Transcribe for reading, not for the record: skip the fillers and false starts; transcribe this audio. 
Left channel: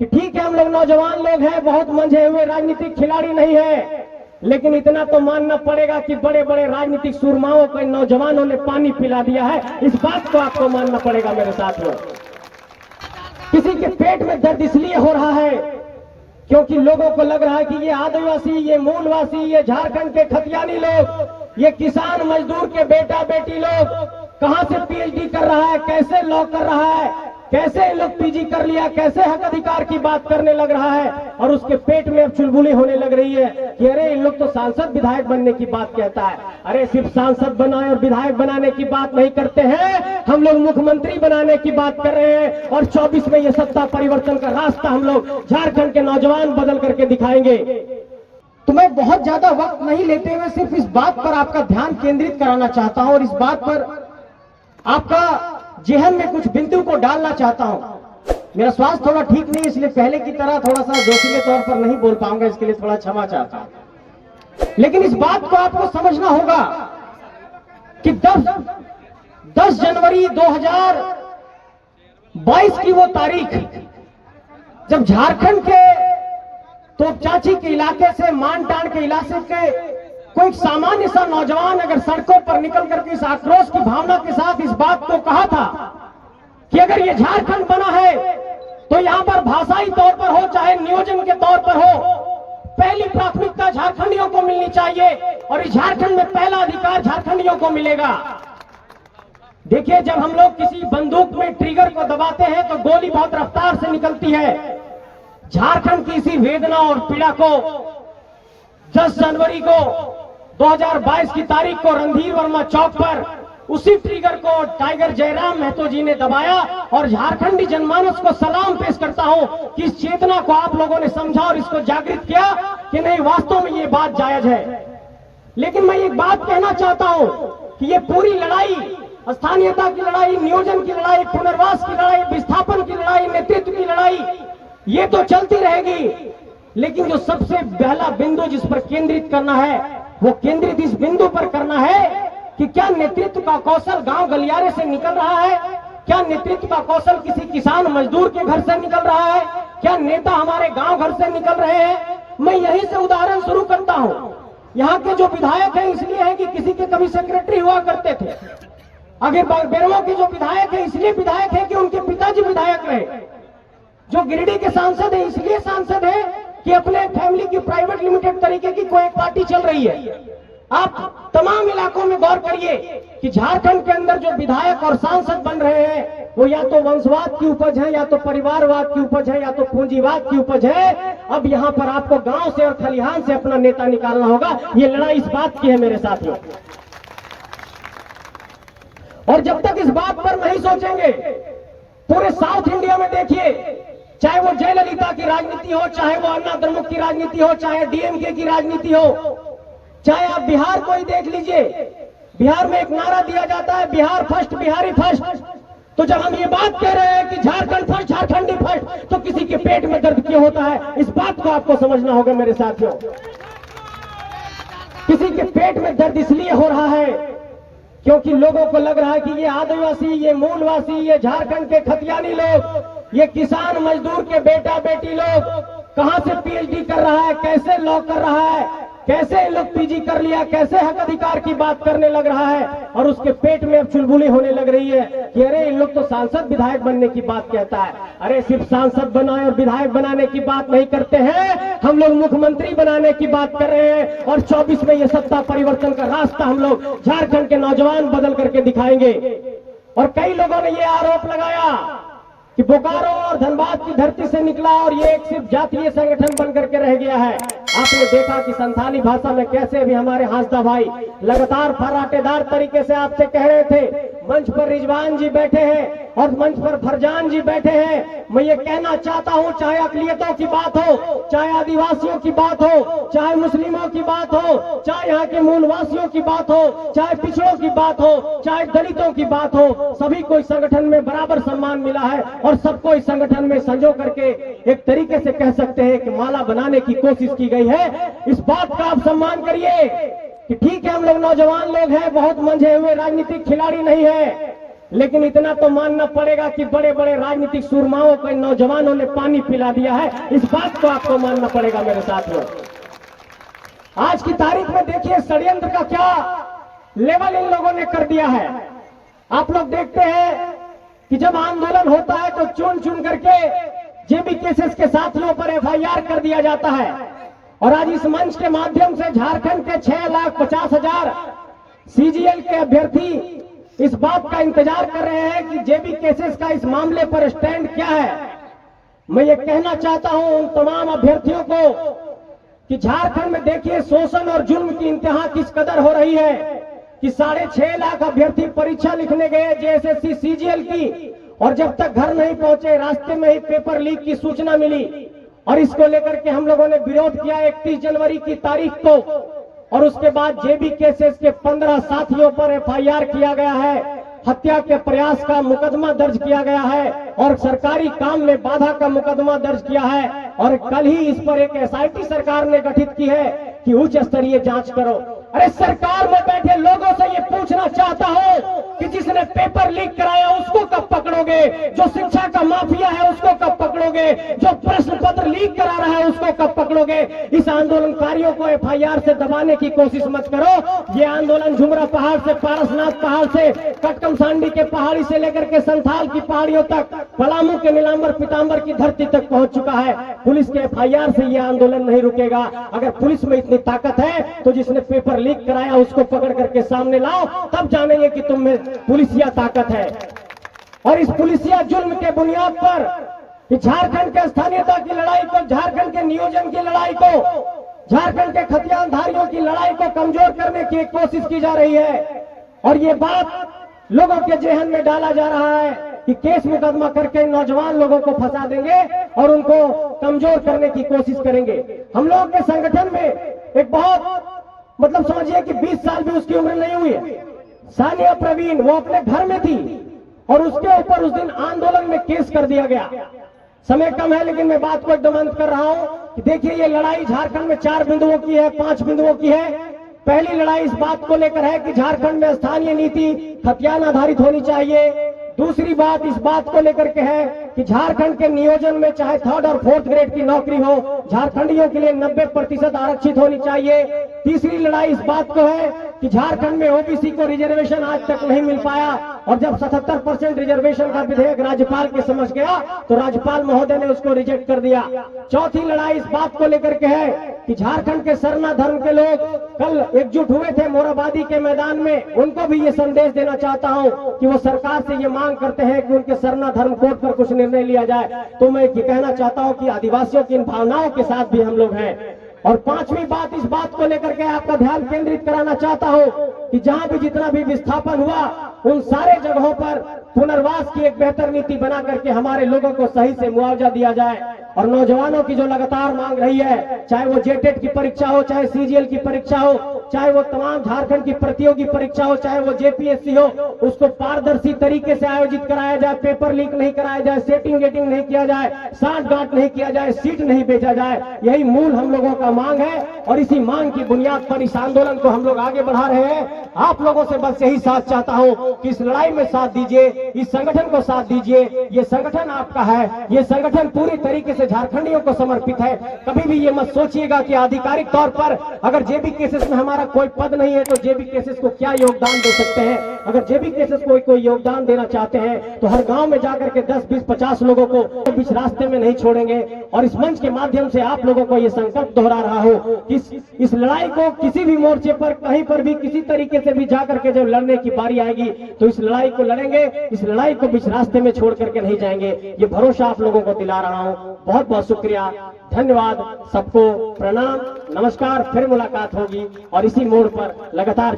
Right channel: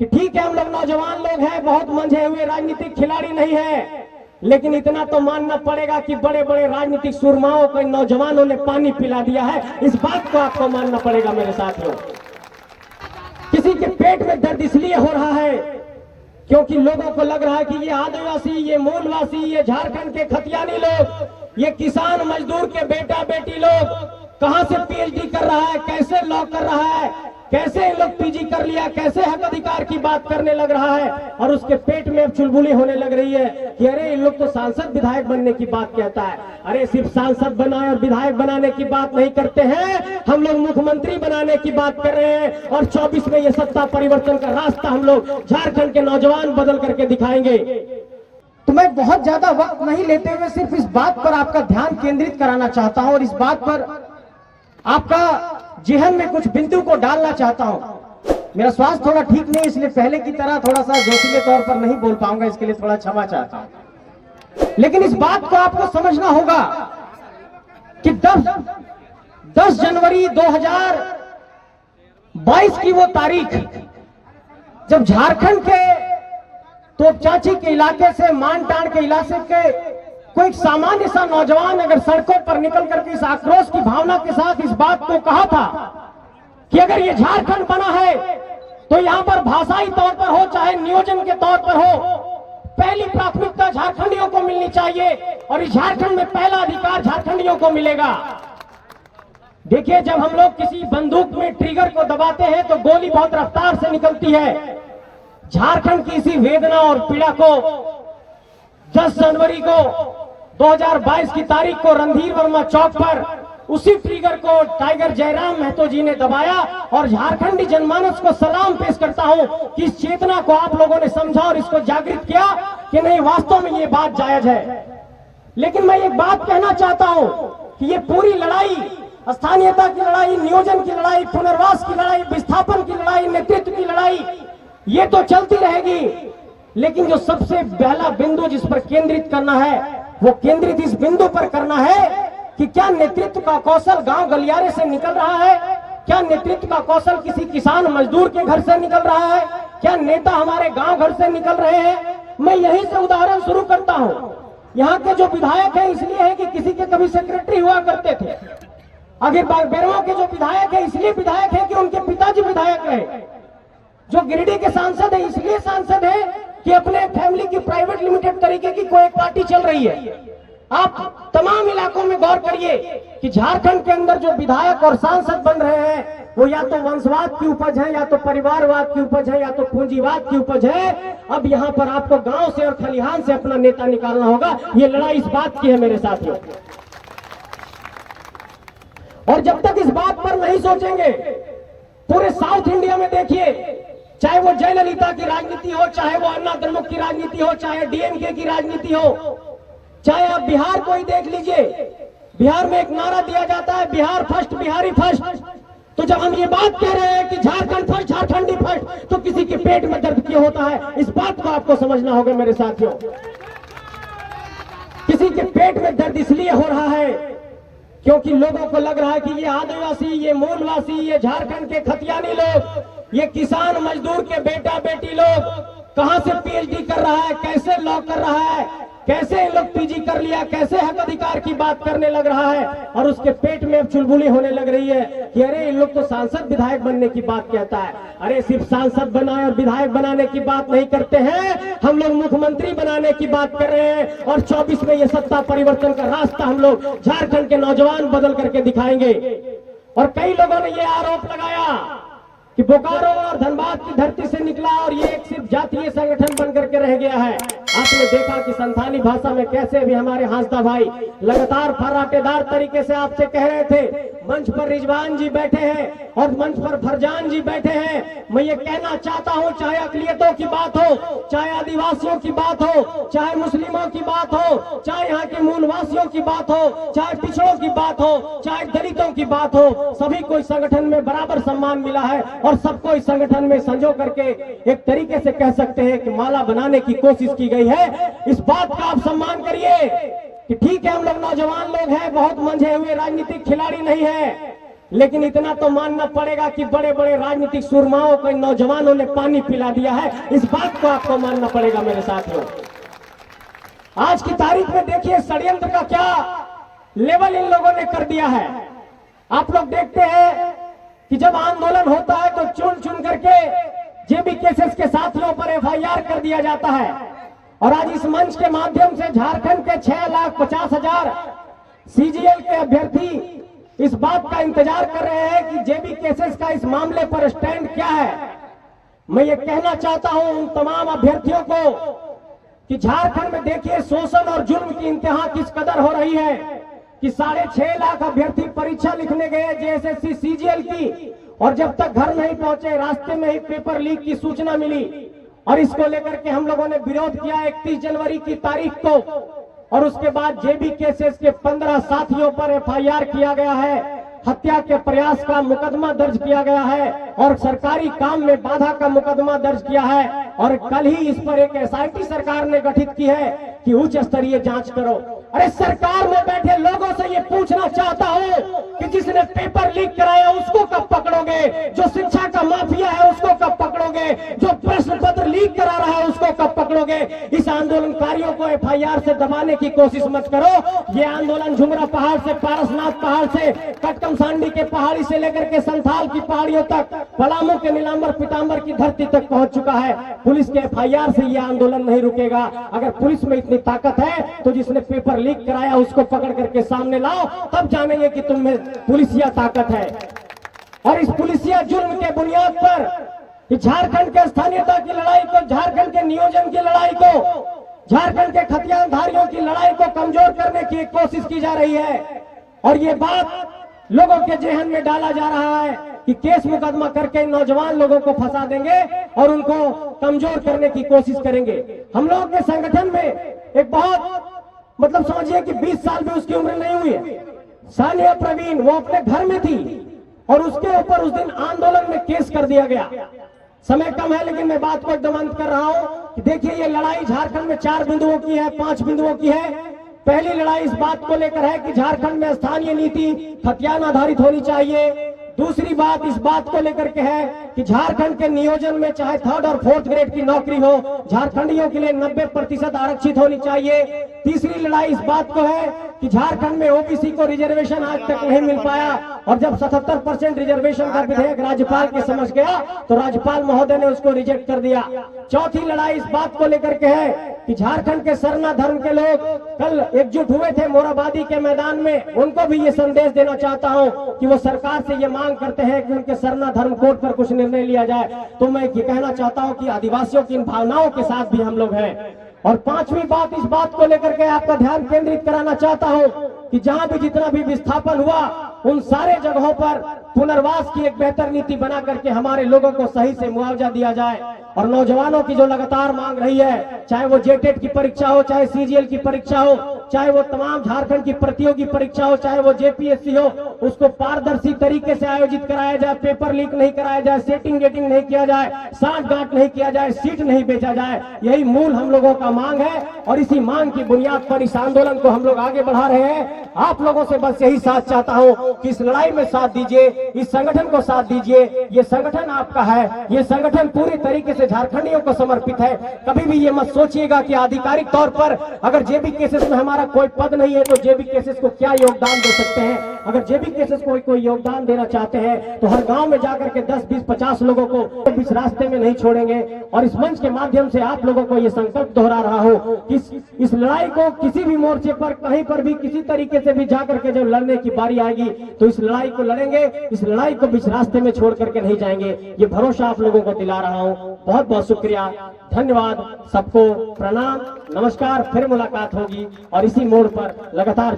कि ठीक है हम लोग नौजवान लोग हैं, बहुत मंझे हुए राजनीतिक खिलाड़ी नहीं है, लेकिन इतना तो मानना पड़ेगा कि बड़े बड़े राजनीतिक सुरमाओं को नौजवानों ने पानी पिला दिया है। इस बात को आपको मानना पड़ेगा मेरे साथियों। किसी के पेट में दर्द इसलिए हो रहा है क्योंकि लोगों को लग रहा है कि ये आदिवासी, ये मूलवासी, ये झारखंड के खतियानी लोग, ये किसान मजदूर के बेटा बेटी लोग कहां से पीएचडी कर रहा है, कैसे लॉ कर रहा है, कैसे लोग पीजी कर लिया, कैसे हक अधिकार की बात करने लग रहा है, और उसके पेट में अब चुलबुली होने लग रही है कि अरे इन लोग तो सांसद विधायक बनने की बात कहता है। अरे सिर्फ सांसद बनाए और विधायक बनाने की बात नहीं करते हैं, हम लोग मुख्यमंत्री बनाने की बात कर रहे हैं, और 24 में ये सत्ता परिवर्तन का रास्ता हम लोग झारखंड के नौजवान बदल करके दिखाएंगे। तो मैं बहुत ज्यादा वक्त नहीं लेते हुए सिर्फ इस बात पर आपका ध्यान केंद्रित कराना चाहता हूं और इस बात पर आपका जेहन में कुछ बिंदु को डालना चाहता हूं। मेरा स्वास्थ्य थोड़ा ठीक नहीं, इसलिए पहले की तरह थोड़ा सा जोशीले तौर पर नहीं बोल पाऊंगा, इसके लिए थोड़ा क्षमा चाहता हूं। लेकिन इस बात को आपको समझना होगा कि 10 जनवरी 2022 की वो तारीख जब झारखंड के तोपचांची के इलाके से, मानटांड के इलाके के कोई सामान्य सा नौजवान अगर सड़कों पर निकल करके इस आक्रोश की भावना के साथ इस बात को कहा था कि अगर ये झारखंड बना है तो यहां पर भाषाई तौर पर हो चाहे नियोजन के तौर पर हो, पहली प्राथमिकता झारखंडियों को मिलनी चाहिए और इस झारखंड में पहला अधिकार झारखंडियों को मिलेगा। देखिए, जब हम लोग किसी बंदूक में ट्रिगर को दबाते हैं तो गोली बहुत रफ्तार से निकलती है। झारखंड की इसी वेदना और पीड़ा को 10 जनवरी को 2022 की तारीख को रणधीर वर्मा चौक पर उसी ट्रिगर को टाइगर जयराम महतो जी ने दबाया, और झारखंडी जनमानस को सलाम पेश करता हूं कि इस चेतना को आप लोगों ने समझा और इसको जागृत किया कि नहीं, वास्तव में ये बात जायज है। लेकिन मैं एक बात कहना चाहता हूं कि ये पूरी लड़ाई, स्थानीयता की लड़ाई, नियोजन की लड़ाई, पुनर्वास की लड़ाई, विस्थापन की लड़ाई, नेतृत्व की लड़ाई, ये तो चलती रहेगी, लेकिन जो सबसे पहला बिंदु जिस पर केंद्रित करना है वो केंद्रित इस बिंदु पर करना है कि क्या नेतृत्व का कौशल गांव गलियारे से निकल रहा है, क्या नेतृत्व का कौशल किसी किसान मजदूर के घर से निकल रहा है, क्या नेता हमारे गांव घर से निकल रहे हैं। मैं यहीं से उदाहरण शुरू करता हूं। यहाँ के जो विधायक है इसलिए है कि किसी के कभी सेक्रेटरी हुआ करते थे। अगर बेरमो के जो विधायक है इसलिए विधायक है कि उनके पिताजी विधायक रहे। जो गिरिडीह के सांसद है इसलिए सांसद है कि अपने फैमिली की प्राइवेट लिमिटेड तरीके की कोई पार्टी चल रही है। आप तमाम इलाकों में गौर करिए कि झारखंड के अंदर जो विधायक और सांसद बन रहे हैं वो या तो वंशवाद की उपज है, या तो परिवारवाद की उपज है, या तो पूंजीवाद की उपज है। अब यहाँ पर आपको गांव से और खलिहान से अपना नेता निकालना होगा। ये लड़ाई इस बात की है मेरे साथियों, और जब तक इस बात पर नहीं सोचेंगे, पूरे साउथ इंडिया में देखिए, चाहे वो जयललिता की राजनीति हो, चाहे वो अन्ना द्रमुक की राजनीति हो, चाहे डीएमके की राजनीति हो, चाहे आप बिहार को ही देख लीजिए, बिहार में एक नारा दिया जाता है बिहार फर्स्ट, बिहारी फर्स्ट। तो जब हम ये बात कह रहे हैं कि झारखंड फर्स्ट, झारखंडी फर्स्ट, तो किसी के पेट में दर्द क्यों होता है, इस बात को आपको समझना होगा मेरे साथियों। किसी के पेट में दर्द इसलिए हो रहा है क्योंकि लोगों को लग रहा है कि ये आदिवासी, ये मूलवासी, ये झारखंड के खतियानी लोग, ये किसान मजदूर के बेटा बेटी लोग कहां से पीएचडी कर रहा है, कैसे लॉ कर रहा है, कैसे लोग पीजी कर लिया, कैसे हक अधिकार की बात करने लग रहा है, और उसके पेट में अब चुलबुली होने लग रही है कि अरे इन लोग तो सांसद विधायक बनने की बात कहता है। अरे सिर्फ सांसद बनाए और विधायक बनाने की बात नहीं करते हैं, हम लोग मुख्यमंत्री बनाने की बात कर रहे हैं, और 24 में ये सत्ता परिवर्तन का रास्ता हम लोग झारखंड के नौजवान बदल करके दिखाएंगे। और कई लोगों ने ये आरोप लगाया कि बोकारो और धनबाद की धरती से निकला और ये एक सिर्फ जातीय संगठन बन करके रह गया है। आपने देखा कि संथाली भाषा में कैसे भी हमारे हांसदा भाई लगातार फर्राटेदार तरीके से आपसे कह रहे थे। मंच पर रिजवान जी बैठे हैं और मंच पर फरजान जी बैठे हैं। मैं ये कहना चाहता हूं, चाहे अकलियतों की बात हो, चाहे आदिवासियों की बात हो, चाहे मुस्लिमों की बात हो, चाहे यहाँ के मूलवासियों की बात हो, चाहे पिछड़ों की बात हो, चाहे दलितों की बात हो, सभी को इस संगठन में बराबर सम्मान मिला है और सबको इस संगठन में संजो करके एक तरीके से कह सकते हैं कि माला बनाने की कोशिश की गई है। इस बात का आप सम्मान करिए कि ठीक है हम लोग नौजवान लोग हैं, बहुत मंझे हुए राजनीतिक खिलाड़ी नहीं है, लेकिन इतना तो मानना पड़ेगा कि बड़े बड़े राजनीतिक सुरमाओं को नौजवानों ने पानी पिला दिया है। इस बात को आपको मानना पड़ेगा मेरे साथियों। आज की तारीख में देखिए षड्यंत्र का क्या लेवल इन लोगों ने कर दिया है। आप लोग देखते हैं कि जब आंदोलन होता है तो चुन चुन करके जेबी केसेस के साथियों पर एफआईआर कर दिया जाता है। और आज इस मंच के माध्यम से झारखंड के 6,50,000 सीजीएल के अभ्यर्थी इस बात का इंतजार कर रहे हैं कि जेबी केसेस का इस मामले पर स्टैंड क्या है। मैं ये कहना चाहता हूं उन तमाम अभ्यर्थियों को कि झारखंड में देखिए शोषण और जुल्म की इंतहा किस कदर हो रही है कि 6.5 लाख अभ्यर्थी परीक्षा लिखने गए जेएसएससी सीजीएल की, और जब तक घर नहीं पहुंचे रास्ते में ही पेपर लीक की सूचना मिली। और इसको लेकर के हम लोगों ने विरोध किया 31 जनवरी की तारीख को, और उसके बाद जेबी केसेस के 15 साथियों पर एफआईआर किया गया है, हत्या के प्रयास का मुकदमा दर्ज किया गया है और सरकारी काम में बाधा का मुकदमा दर्ज किया है। और कल ही इस पर एक एसआईटी सरकार ने गठित की है कि उच्च स्तरीय जांच करो। अरे सरकार में बैठे लोगों से ये पूछना चाहता हूं कि जिसने पेपर लीक कराया उसको कब पकड़ोगे, जो शिक्षा का माफिया है उसको कब पकड़ोगे, जो प्रश्न पत्र लीक करा रहा है उसको कब पकड़ोगे। इस आंदोलनकारियों को एफआईआर से दबाने की कोशिश मत करो। ये आंदोलन झुमरा पहाड़ से पारसनाथ पहाड़ से कटकम सांडी के पहाड़ी से लेकर के संथाल की पहाड़ियों तक, पलामू के नीलांबर पीतांबर की धरती तक पहुंच चुका है। पुलिस के एफआईआर से ये आंदोलन नहीं रुकेगा। अगर पुलिस में इतनी ताकत है तो जिसने पेपर लीक कराया उसको पकड़ करके सामने लाओ, तब जानेंगे कि तुम में पुलिसिया ताकत है। और इस पुलिसिया जुल्म के बुनियाद पर झारखंड के स्थानीयता की लड़ाई को, झारखंड के नियोजन की लड़ाई को, झारखंड के खतियानधारियों की लड़ाई को कमजोर करने की कोशिश की जा रही है। और ये बात लोगों के जहन में डाला जा रहा है कि केस मुकदमा करके नौजवान लोगों को फंसा देंगे और उनको कमजोर करने की कोशिश करेंगे। हम लोगों के संगठन में एक बहुत समझिए कि 20 साल भी उसकी उम्र नहीं हुई है, सानिया प्रवीण, वो अपने घर में थी और उसके ऊपर उस दिन आंदोलन में केस कर दिया गया। समय कम है लेकिन मैं बात को एकदम अंत कर रहा हूं कि देखिए ये लड़ाई झारखंड में 4 बिंदुओं की है, 5 बिंदुओं की है। पहली लड़ाई इस बात को लेकर है कि झारखंड में स्थानीय नीति खतियान आधारित होनी चाहिए। दूसरी बात इस बात को लेकर के है कि झारखंड के नियोजन में चाहे 3rd और 4th ग्रेड की नौकरी हो, झारखंडियों के लिए 90% आरक्षित होनी चाहिए। तीसरी लड़ाई इस बात को है कि झारखंड में ओबीसी को रिजर्वेशन आज तक नहीं मिल पाया, और जब 77% रिजर्वेशन का विधेयक राज्यपाल के समझ गया तो राज्यपाल महोदय ने उसको रिजेक्ट कर दिया। चौथी लड़ाई इस बात को लेकर के है कि झारखंड के सरना धर्म के लोग कल एकजुट हुए थे मोराबादी के मैदान में, उनको भी ये संदेश देना चाहता हूं कि वो सरकार से ये मांग करते हैं कि उनके सरना धर्म कोड पर कुछ निर्णय लिया जाए। तो मैं ये कहना चाहता हूं कि आदिवासियों की इन भावनाओं के साथ भी हम लोग हैं। और 5वीं बात इस बात को लेकर के आपका ध्यान केंद्रित कराना चाहता हूं कि जहां भी जितना भी विस्थापन हुआ उन सारे जगहों पर पुनर्वास की एक बेहतर नीति बना करके हमारे लोगों को सही से मुआवजा दिया जाए। और नौजवानों की जो लगातार मांग रही है, चाहे वो जेटेट की परीक्षा हो, चाहे सीजीएल की परीक्षा हो, चाहे वो तमाम झारखंड की प्रतियोगी परीक्षा हो, चाहे वो जेपीएससी हो, उसको पारदर्शी तरीके से आयोजित कराया जाए, पेपर लीक नहीं कराया जाए, सेटिंग गेटिंग नहीं किया जाए, साठगांठ नहीं किया जाए, सीट नहीं बेचा जाए। यही मूल हम लोगों का मांग है और इसी मांग की बुनियाद पर इस आंदोलन को हम लोग आगे बढ़ा रहे हैं। आप लोगों से बस यही साथ चाहता हूं कि इस लड़ाई में साथ दीजिए, इस संगठन को साथ दीजिए। ये संगठन आपका है, ये संगठन पूरी तरीके से झारखंडियों को समर्पित है। कभी भी ये मत सोचिएगा कि आधिकारिक तौर पर अगर जेबी केसेस में हमारा कोई पद नहीं है तो जेबी केसेस को क्या योगदान दे सकते हैं। अगर जेबी केसेस को कोई योगदान देना चाहते हैं तो हर गांव में जाकर के 10, 20, 50 लोगों को बीच रास्ते में नहीं छोड़ेंगे। और इस मंच के माध्यम से आप लोगों को ये संकल्प दोहरा रहा हूं कि इस लड़ाई को किसी भी मोर्चे पर कहीं पर भी किसी तरीके से भी जाकर के जब लड़ने की बारी आएगी तो इस लड़ाई को लड़ेंगे, इस लड़ाई को बीच रास्ते में छोड़ करके नहीं जाएंगे। ये भरोसा आप लोगों को दिला रहा हूं। बहुत बहुत शुक्रिया, धन्यवाद, सबको प्रणाम, नमस्कार। फिर मुलाकात होगी और इसी मोड़ पर लगातार